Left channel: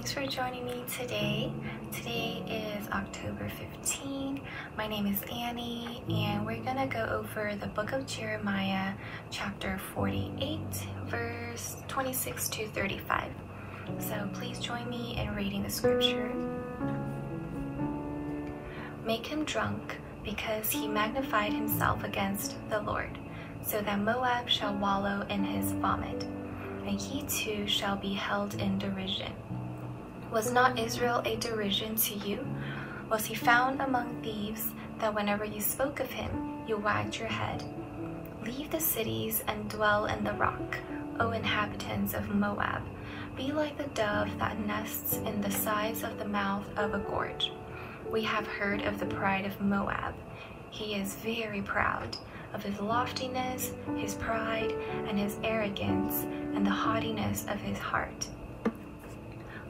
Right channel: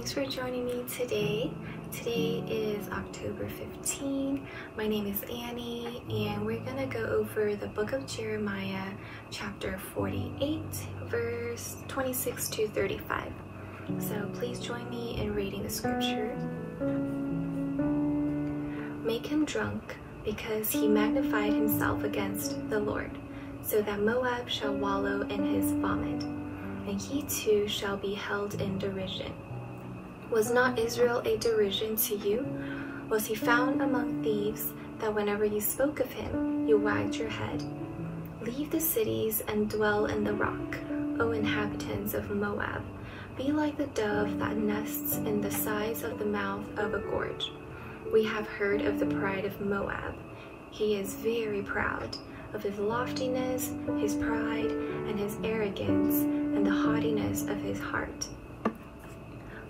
Thanks for joining me today. Today is October 15. My name is Annie, and we're gonna go over the book of Jeremiah, chapter 48, verse 26 to 35. So please join me in reading the scripture. Make him drunk, because he magnified himself against the Lord, so that Moab shall wallow in his vomit, and he too shall be held in derision. Was not Israel a derision to you? Was he found among thieves, that whenever you spoke of him, you wagged your head? Leave the cities and dwell in the rock, O inhabitants of Moab. Be like the dove that nests in the sides of the mouth of a gorge. We have heard of the pride of Moab. He is very proud, of his loftiness, his pride, and his arrogance, and the haughtiness of his heart.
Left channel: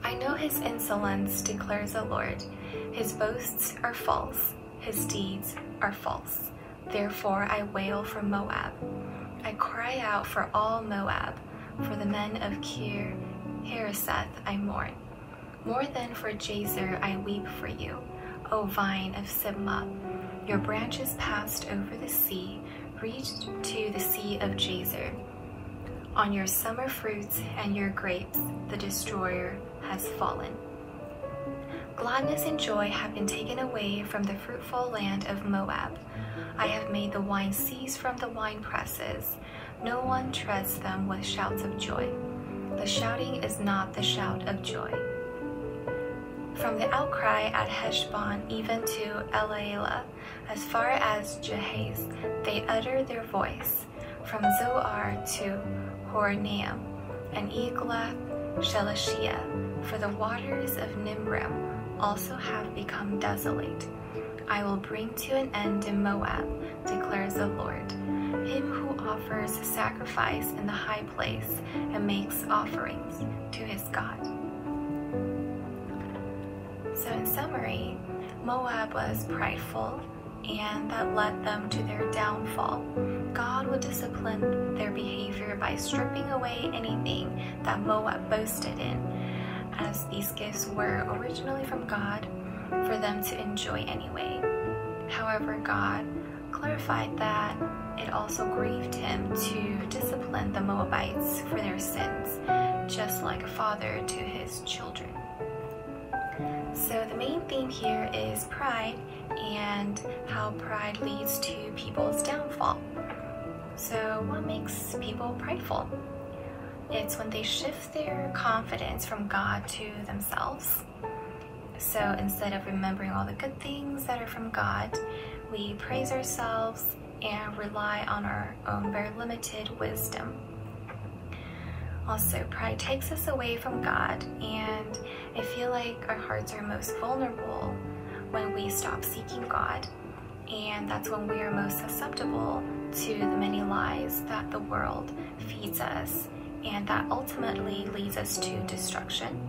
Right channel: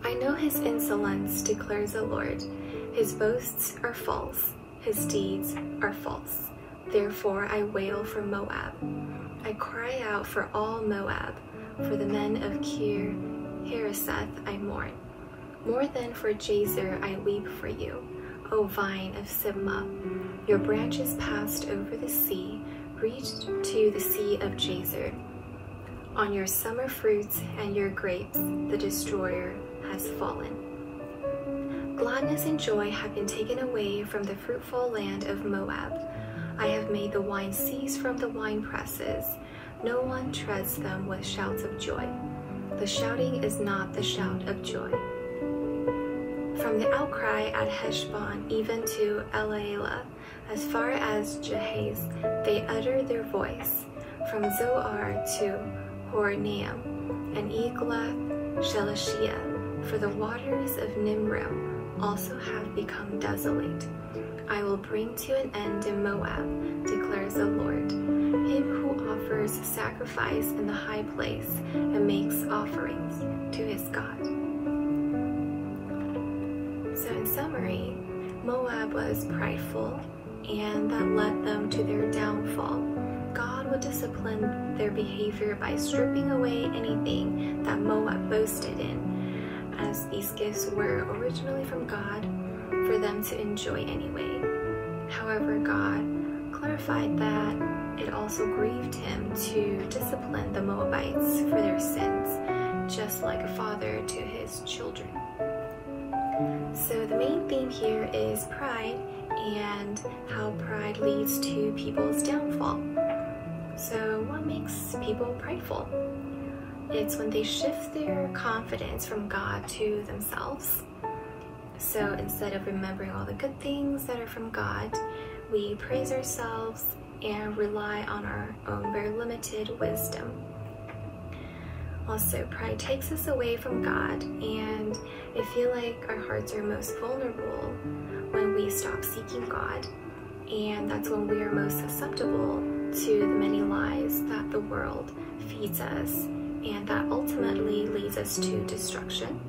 I know his insolence, declares the Lord. His boasts are false, his deeds are false. Therefore I wail for Moab. I cry out for all Moab, for the men of Kir-hareseth I mourn. More than for Jazer I weep for you, O vine of Sibmah. Your branches passed over the sea, reached to the sea of Jazer. On your summer fruits and your grapes, the destroyer has fallen. Gladness and joy have been taken away from the fruitful land of Moab. I have made the wine cease from the wine presses. No one treads them with shouts of joy. The shouting is not the shout of joy. From the outcry at Heshbon even to Elealeh, as far as Jazer, they utter their voice. From Zoar to Horonaim and Eglath-Shelishiah, for the waters of Nimrim also have become desolate. I will bring to an end in Moab, declares the Lord, him who offers sacrifice in the high place and makes offerings to his God. So in summary, Moab was prideful, and that led them to their downfall. God would discipline their behavior by stripping away anything that Moab boasted in, as these gifts were originally from God for them to enjoy anyway. However, God clarified that it also grieved him to discipline the Moabites for their sins, just like a father to his children. So the main theme here is pride and how pride leads to people's downfall. So what makes people prideful? It's when they shift their confidence from God to themselves. So instead of remembering all the good things that are from God, we praise ourselves and rely on our own very limited wisdom. Also, pride takes us away from God, and I feel like our hearts are most vulnerable when we stop seeking God, and that's when we are most susceptible to the many lies that the world feeds us, and that ultimately leads us to destruction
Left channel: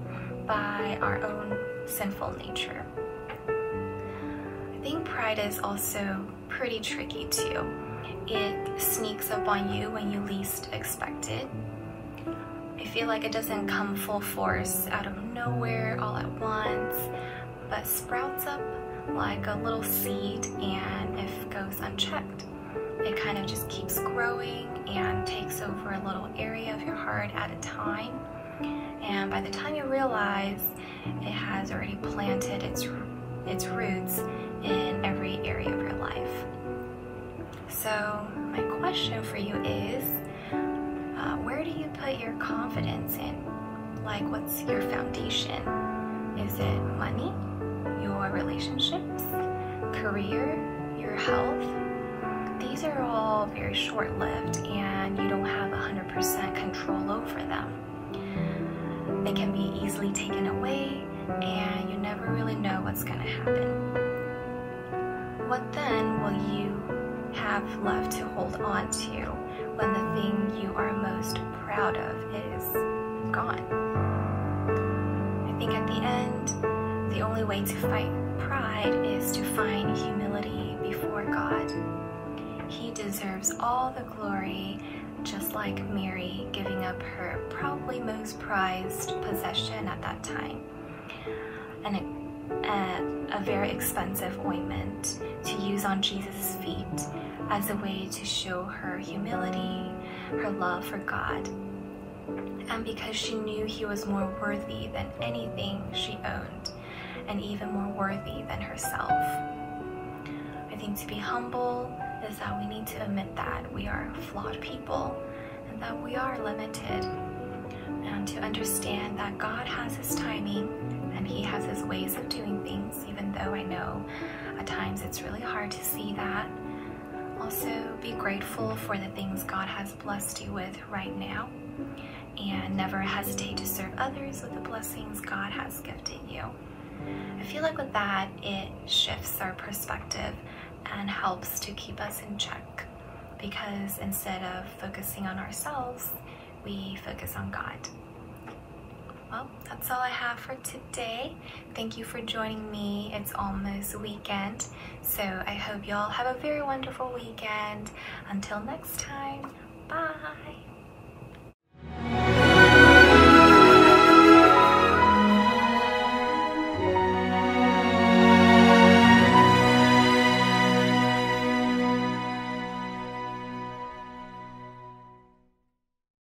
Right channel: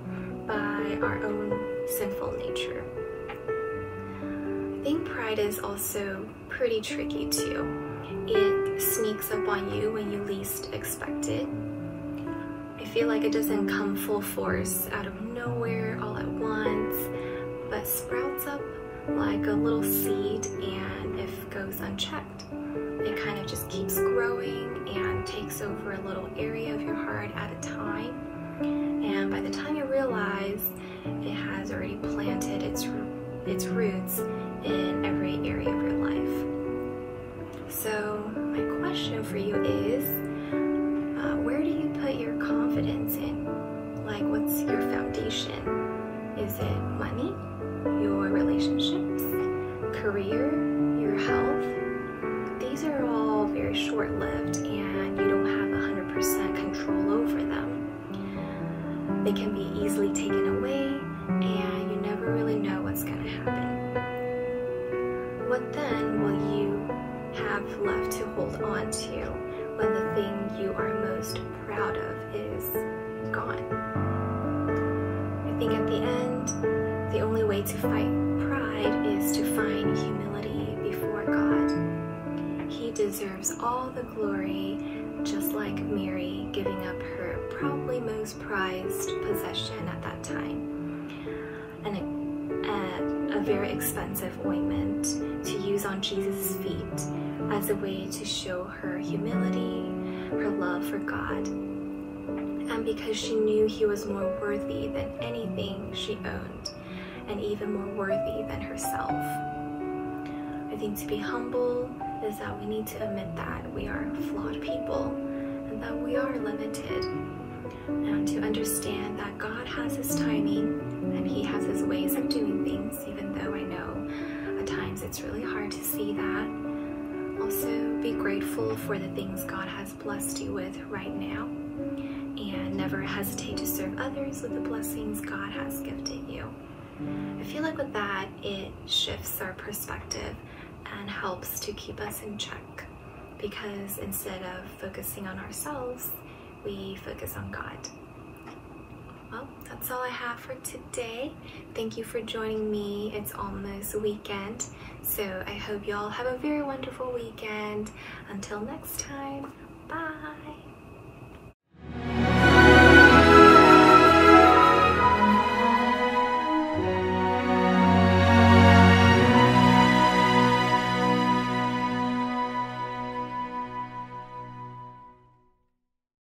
by our own sinful nature. I think pride is also pretty tricky too. It sneaks up on you when you least expect it. I feel like it doesn't come full force out of nowhere all at once, but sprouts up like a little seed, and if goes unchecked, it kind of just keeps growing and takes over a little area of your heart at a time. And by the time you realize, it has already planted its roots in every area of your life. So my question for you is, where do you put your confidence in? Like, what's your foundation? Is it money, your relationships, career, your health? These are all very short-lived, and you don't have 100% control over them. They can be easily taken away, and you never really know what's going to happen. What then will you have left to hold on to when the thing you are most proud of is gone? I think at the end, the only way to fight pride is to find humility before God. He deserves all the glory just like Mary giving up her probably most prized possession at that time, and a very expensive ointment to use on Jesus' feet as a way to show her humility, her love for God, and because she knew he was more worthy than anything she owned, and even more worthy than herself. I think to be humble is that we need to admit that we are flawed people and that we are limited, and to understand that God has his timing and he has his ways of doing things, even though I know at times it's really hard to see that. Also, be grateful for the things God has blessed you with right now, and never hesitate to serve others with the blessings God has gifted you. I feel like with that, it shifts our perspective and helps to keep us in check, because instead of focusing on ourselves, we focus on God. Well, that's all I have for today. Thank you for joining me. It's almost weekend, so I hope y'all have a very wonderful weekend. Until next time, bye.